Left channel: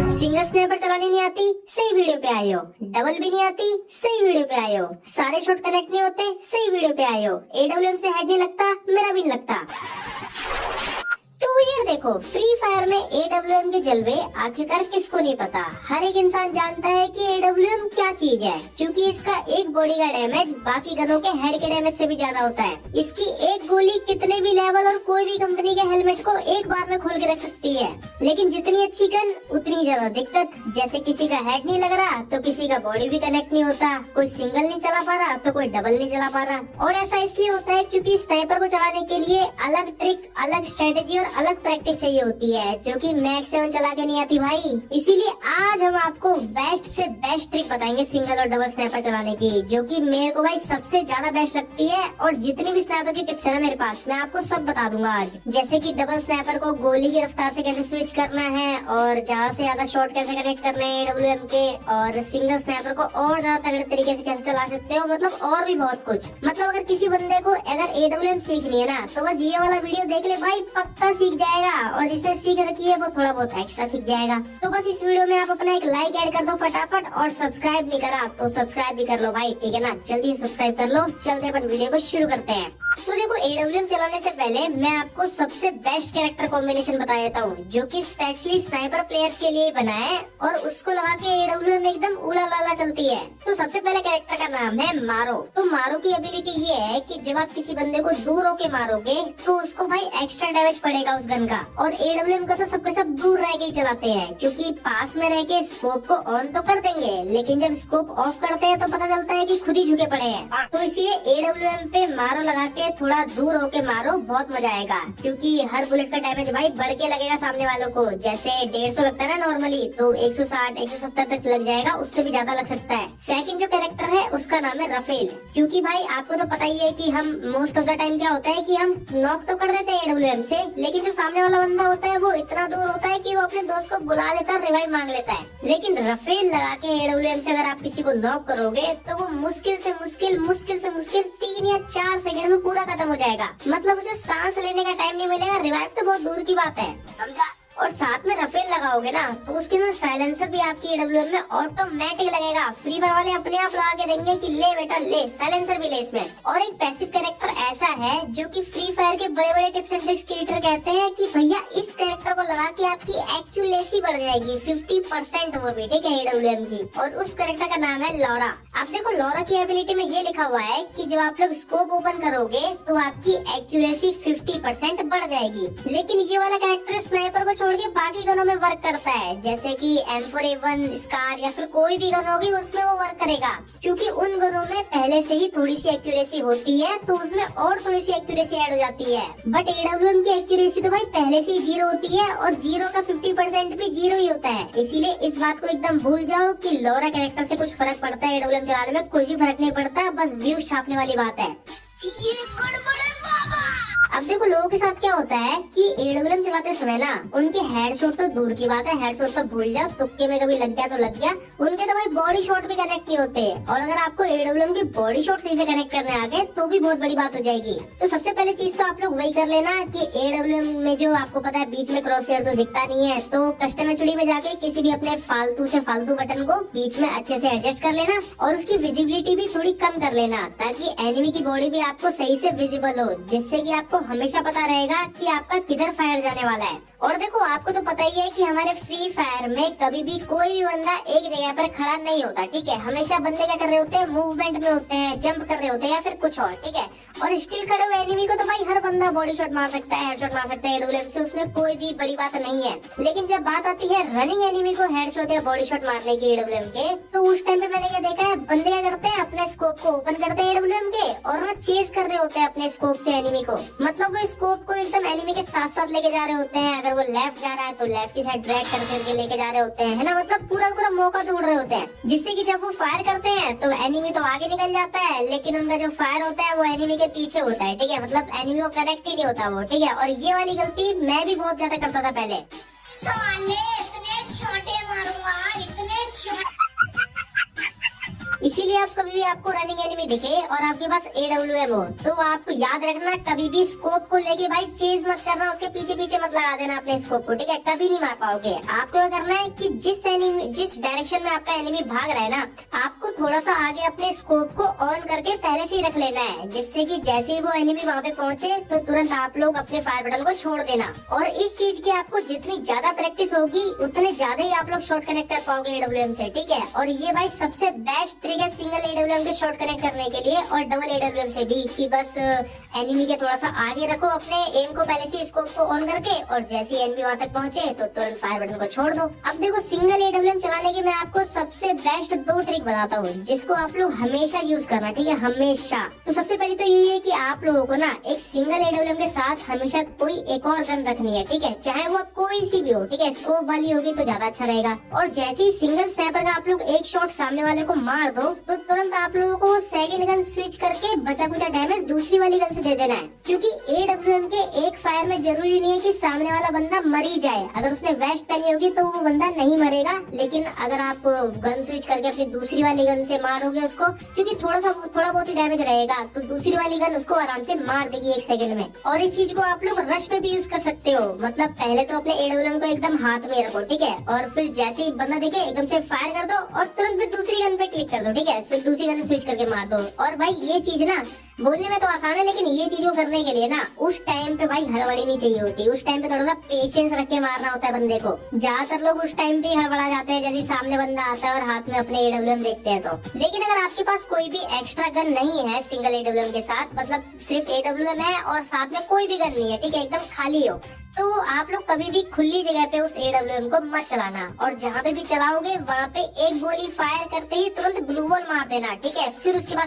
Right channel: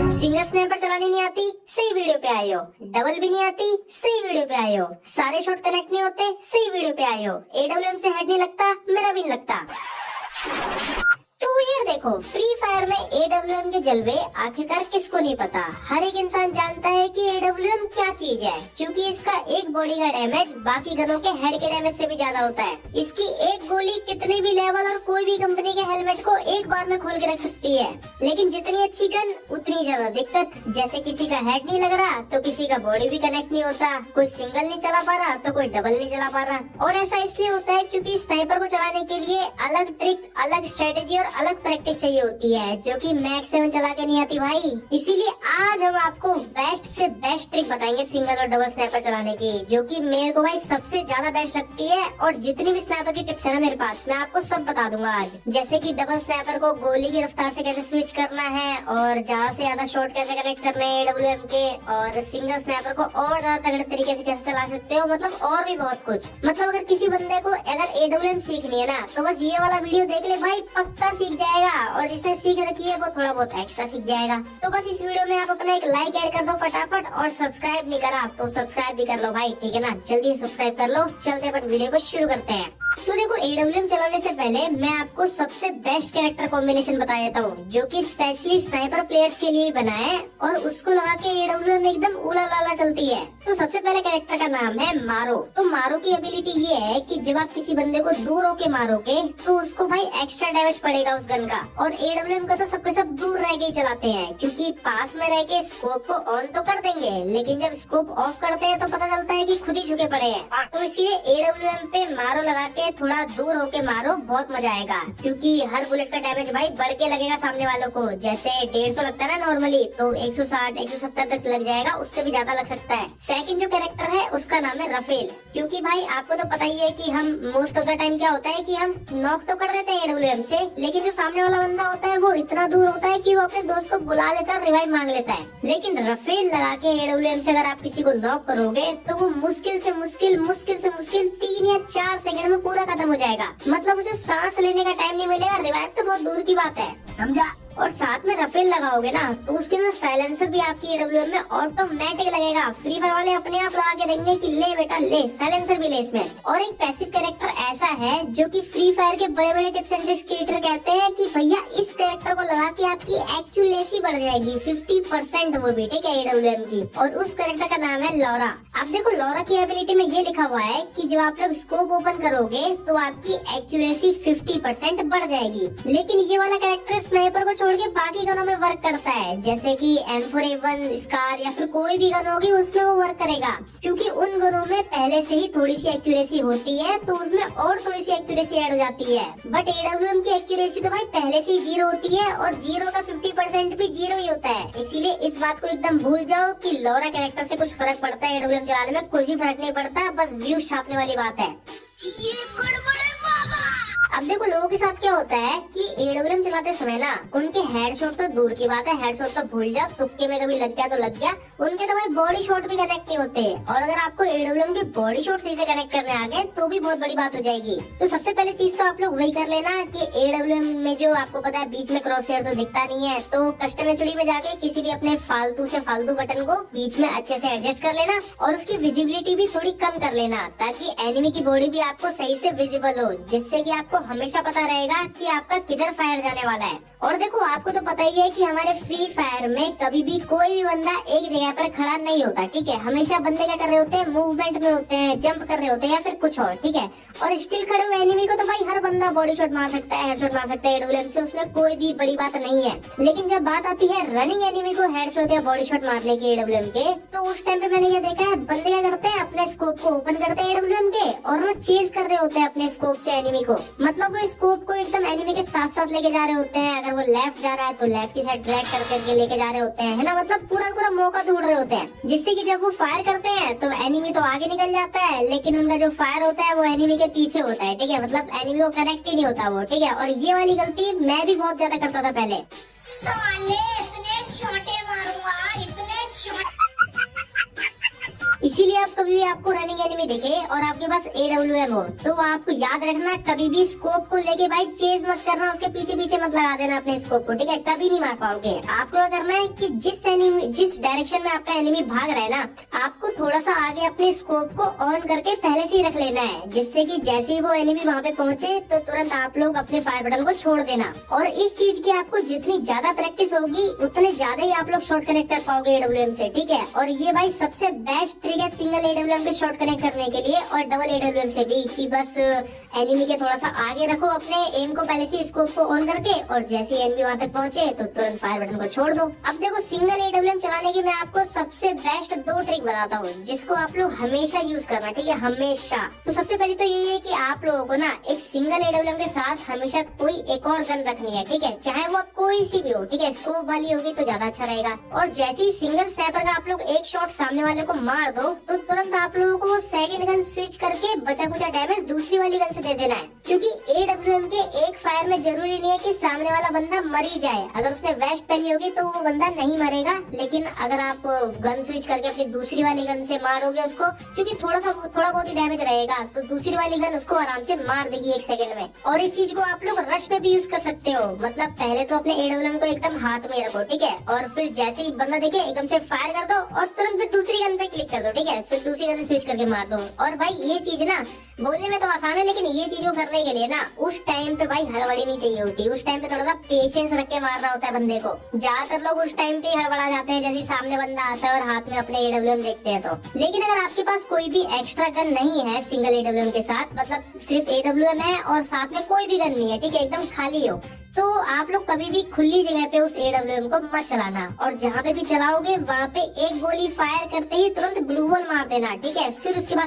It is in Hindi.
सिंगल स्नैपर चलानी नहीं आती, सही वीडियो पे आए हो। डबल भी नहीं आती, सही वीडियो पे आए हो। सारे शॉट कनेक्ट नहीं होते, सही वीडियो पे आए हो। एडब्ल्यूएम से हेड नहीं लगता, मेरा भी नहीं लगता। तो ये देखो, फ्री फायर में एडब्ल्यूएम के जलवे आखिरकार किसको नहीं पता। हर एक इंसान जानता है कि एडब्ल्यूएम क्या चीज है, क्योंकि इसका एक बॉडी का डैमेज बाकी गनों के हेड के डैमेज से भी ज्यादा होता है। इसकी एक गोली कितने भी लेवल और कोई भी कंपनी के हेलमेट को एक बार में खोल के रख सकती है। लेकिन जितनी अच्छी गन उतनी ज्यादा दिक्कत। जैसे किसी का हेड नहीं लग रहा तो किसी का बॉडी भी कनेक्ट नहीं होता, कोई सिंगल नहीं चला पा रहा तो कोई डबल नहीं चला पा रहा। और ऐसा इसलिए होता है क्योंकि स्नाइपर को चलाने के लिए अलग ट्रिक, अलग स्ट्रेटेजी और अलग प्रैक्टिस चाहिए होती है, जो कि मैक्स 7 चला के नहीं आती भाई। इसीलिए आज हम आपको बेस्ट से बेस्ट ट्रिक बताएंगे सिंगल और डबल स्नाइपर चलाने की, जो कि मेरे को भाई सबसे ज्यादा बेस्ट लगती है। और जितनी भी स्नाइपर की टिप्स है ना मेरे पास, मैं आपको सब बता दूंगा आज। जैसे कि डबल स्नाइपर को गोली की रफ्तार से कैसे स्विच करना है, और ज्यादा से ज्यादा शॉट कैसे कनेक्ट करने हैं एडब्ल्यूएम के, और सिंगल स्नाइपर को और ज्यादा तगड़े तरीके से कैसे चला सकते हो, मतलब और भी बहुत कुछ। मतलब अगर किसी बंदे को अगर एडब्ल्यूएम सीखनी है ना, तो बस ये वाला वीडियो देख ले भाई, पक्का सीख जाएगा। और जिसने सीख रखी है वो थोड़ा बहुत एक्स्ट्रा सीख जाएगा। तो बस इस वीडियो में आप अपना एक लाइक ऐड कर दो फटाफट, और सब्सक्राइब नहीं करा तो सब्सक्राइब भी कर लो भाई, ठीक है ना। जल्दी सब्सक्राइब कर लो। चलते अपन वीडियो को शुरू करते हैं। तो देखो, एडब्ल्यूएम चलाने से पहले मैं आपको सबसे बेस्ट कैरेक्टर कॉम्बिनेशन बता देता हूँ, जो कि स्पेशली स्नाइपर प्लेयर्स के लिए बना है, और उसको लगा के एडब्ल्यूएम एकदम उला लाला चलती है। तो सबसे पहले कैरेक्टर का नाम है मारो। तो मारो की एबिलिटी ये है कि जब आप किसी बंदे को दूर होके मारोगे तो उसको भाई एक्स्ट्रा डैमेज पड़ेगा उस गन का। और एडब्ल्यूएम का तो सबके सब दूर रह के ही चलाते हैं, क्योंकि पास में रह के स्कोप को ऑन तो कर देंगे, लेकिन जब स्कोप ऑफ करते हैं तो पता चलता है कि खुद ही झुके पड़े हैं। तो इसलिए एडब्ल्यूएम पे मारो लगा के थोड़ा दूर होके मारो, बहुत मजा आएगा। क्योंकि हर बुलेट का डैमेज भाई बढ़ के लगेगा सामने वालों को। जैसे 150 लगता है ना नॉर्मली, तो 160 170 तक लग जाएगा, उससे भी ज्यादा लग सकता है। सेकंड जो कैरेक्टर है उसका नाम है रफेल। क्योंकि भाई आपको तो पता ही है कि हम मोस्ट ऑफ द टाइम क्या होता है कि हम नॉक तो कर देते हैं एडब्ल्यूएम से, लेकिन जो सामने वाला बंदा होता है वो इतना दूर होता है कि वो अपने दोस्त को बुला लेता है, रिवाइव मांग लेता है। लेकिन रफेल लगा के एडब्ल्यूएम से अगर आप किसी को नॉक करोगे तो वो मुश्किल से मुश्किल 3 या 4 सेकंड में पूरा खत्म हो जाएगा। मतलब उसे सांस लेने का टाइम नहीं मिलेगा, रिवाइव तो बहुत दूर की बात है, समझा। और साथ में रफेल लगाओगे ना तो उसके अंदर साइलेंसर भी आपकी एडब्ल्यूएम में ऑटोमेटिक लगेगा। फ्री फायर वाले अपने आप लगा के देंगे कि ले बेटा ले, साइलेंसर भी ले इसमें। और एक पैसिव कैरेक्टर ऐसा है जो कि फ्री फायर के बड़े बड़े टिप्स एंड ट्रिक्स क्रिएटर कहते हैं कि भैया इस कैरेक्टर को लगा के आपकी एक्यूरेसी बढ़ जाएगी 50%, वो भी ठीक है एडब्ल्यूएम की। और उस कैरेक्टर का नाम है लॉरा। अब देखो, लॉरा की एबिलिटी में ये लिखा हुआ है कि जब आप लोग स्कोप ओपन करोगे तो आपकी एक्यूरेसी 50% बढ़ जाएगी। लेकिन ये वाला कैरेक्टर स्नाइपर को छोड़ के बाकी गनों में वर्क करता है, जैसे कि M4A1 स्कार या फिर कोई भी गन होगी उसमें वो वर्क करेगा। क्योंकि उन गनों में पहले से ही थोड़ी सी एक्यूरेसी होती है, तो उसमें और थोड़ी सी एक्यूरेसी ऐड हो जाती है। बट एडब्ल्यूएम की एक्यूरेसी तो भाई पहले से ही 0 होती है, और 0 का 50% भी 0 ही होता है। इसीलिए इस बात को एकदम भूल जाओ कि लॉरा कैरेक्टर से कुछ फर्क पड़ता है एडब्ल्यूएम चलाने में, कुछ भी फर्क नहीं पड़ता, बस व्यूज छापने वाली बात है। ये गड़बड़ है बाबा। अब देखो, लोगों के साथ क्या होता है कि एडब्ल्यूएम चलाते समय ना उनके हेडशॉट तो दूर की बात है, हेडशॉट तो भूल जाओ, तुक्के में कभी लग गया तो लग गया, उनके तो भाई बॉडी शॉट भी कनेक्ट नहीं होते। और अगर आपको एडब्ल्यूएम के बॉडी शॉट सही से कनेक्ट करने आ गए तो भी बहुत बड़ी बात हो जाएगी। तो सबसे पहले चीज तो आप लोग वही कर लेना कि एडब्ल्यूएम में जो आपको पता है बीच में क्रॉस हेयर तो दिखता नहीं है, तो कस्टम एचडी में जाके किसी भी अपने फालतू से फालतू बटन को बीच में अच्छे से एडजस्ट कर लेना, और उसकी विजिबिलिटी भी थोड़ी कम कर लेना, ताकि एनिमी की बॉडी भी आपको सही से विजिबल हो, जिससे कि आपको हमेशा पता रहेगा कि आपका किधर फायर जाने वाला है। और देखो, आपको तो पता ही है कि हमारे फ्री फायर में कभी भी कोई भी बंदा एक जगह पर खड़ा नहीं होता, ठीक है। हमेशा बंदे क्या कर रहे होते हैं, मूवमेंट में होते हैं, जंप कर रहे होते हैं या फिर कुछ और, ठीक है। और स्टिल खड़े हुए एनिमी को तो भाई हर बंदा बॉडी शॉट मार सकता है, हेडशॉट मार सकता है एडब्ल्यूएम से, उसमें कोई भी बड़ी बात नहीं है। लेकिन जब बात आती है रनिंग एनिमी को हेडशॉट या बॉडी शॉट मारने की एडब्ल्यूएम के, तो उस टाइम पे मैंने ये देखा है, बंदे क्या करते हैं, अपने स्कोप को ओपन करते हैं एडब्ल्यूएम के, और वो चेज कर रहे होते हैं अपने स्कोप से एनिमी को। मतलब वो स्कोप को एकदम एनिमी के साथ साथ लेके जा रहे होते हैं। अगर वो लेफ्ट जा रहा है तो लेफ्ट की साइड ट्रैक करके लेके जा रहे होते हैं, है ना। मतलब पूरा मौका ढूंढ रहे होते हैं, जिससे कि जब वो फायर करते हैं तो एनिमी तो आगे निकल जाता है, लेकिन उनका जो फायर होता है वो एनिमी के पीछे होता है, ठीक है। मतलब एनिमी को कनेक्ट ही नहीं होता वो, ठीक है। और ये वाली गलती मैं भी बहुत ज्यादा करता था पहले। साले इतने छोटे मारूंगा, इतने इसीलिए अब कभी भी आपको रनिंग एनिमी दिखे और आपके पास AWM हो, तो आपको याद रखना कभी भी स्कोप को लेके भाई चेस मत करना, उसके पीछे पीछे मत लगा देना अपने स्कोप को, ठीक है? कभी नहीं मार पाओगे। आपको क्या करना है कि जिस डायरेक्शन में आपका एनिमी भाग रहा है ना, आपको थोड़ा सा आगे अपने स्कोप को ऑन करके पहले से ही रख लेना है, जिससे कि जैसे ही वो एनिमी वहाँ पे पहुंचे तो तुरंत आप लोग अपने फायर बटन को छोड़ देना। और इस चीज की आपको जितनी ज्यादा प्रैक्टिस होगी उतने ज्यादा ही आप लोग शॉट कनेक्ट कर पाओगे AWM से, ठीक है? और ये भाई सबसे बेस्ट ट्रिक है सिंगल AWM से शॉट कनेक्ट करने के लिए और डबल AWM से भी, कि बस एनिमी के थोड़ा सा आगे रखो अपने एम को पहले से स्कोप को ऑन करके, और जैसे ही एनिमी वहाँ तक पहुंचे तो तुरंत फायर बटन को छोड़ दो। अब देखो सिंगल AWM चलाने की मैं आपको सबसे बेस्ट 2 ट्रिक बताता हूँ, जिसको आप लोग हमेशा यूज करना, ठीक है? हमेशा। तो सबसे पहले तो ये है कि आप लोगों को ना एक सिंगल AWM के साथ हमेशा कोई एक और गन रखनी है, ठीक है? चाहे वो कोई सी भी हो, ठीक है? स्कोप वाली होगी तो ज्यादा अच्छा रहेगा। और जैसे ही सिंगल स्नैपर का आप लोग एक शॉट सामने वाले को मार दो तो तुरंत आप लोगों को सेकंड गन स्विच करके बचा कुचा डैमेज दूसरी वाली गन से दे देना है, क्योंकि AWM के एक फायर में जरूरी नहीं है कि सामने वाला बंदा मर ही जाए। अगर उसने वेस्ट पहनी होगी तो वो बंदा नहीं मरेगा, लेकिन अगर आप गन स्विच करके अपनी दूसरी वाली गन से मारोगे उसको, क्योंकि थोड़ा बहुत ही डैमेज रहेगा, तो दूसरी वाली गन उसको आराम से मार देगी 1 सेकंड में। और इस चीज को आप लोग रश में भी यूज कर सकते हो, मतलब पहले तो अपने AWM को एकदम हाथ में रखो, ठीक है? और फिर जैसे ही बंदा दिखे एकदम से फायर कर दो और तुरंत फिर दूसरी गन पे क्लिक कर दो, ठीक है? फिर दूसरी गन से स्विच करके मार दो। और भाई ये चीज ना बोलने में तो आसान है, लेकिन ये चीजों करने के लिए ना उस टाइम पे भाई हड़बड़ी नहीं चाहिए होती। उस टाइम पे थोड़ा सा पेशेंस रख के मारना होता है बंदे को। ज्यादातर लोग उस टाइम पे ही हड़बड़ा जाते हैं, जैसे सामने बंदा आता है और हाथ में अपने AWM देखते हैं तो। लेकिन अगर आपके पास कोई भी एक्स्ट्रा गन नहीं है सिंगल AWM के साथ, मतलब सिर्फ AWM है और साथ में कोई भी गन नहीं है, ठीक है? एकदम खाली हो, तो आप लोग कभी भी खुली जगह पे उस AWM को मत चलाना, और जहाँ पे भी चलाओगे वहाँ पे एक गोली फायर करते ही तुरंत ग्लू वॉल मार देना, ठीक है? फिर उसके बाद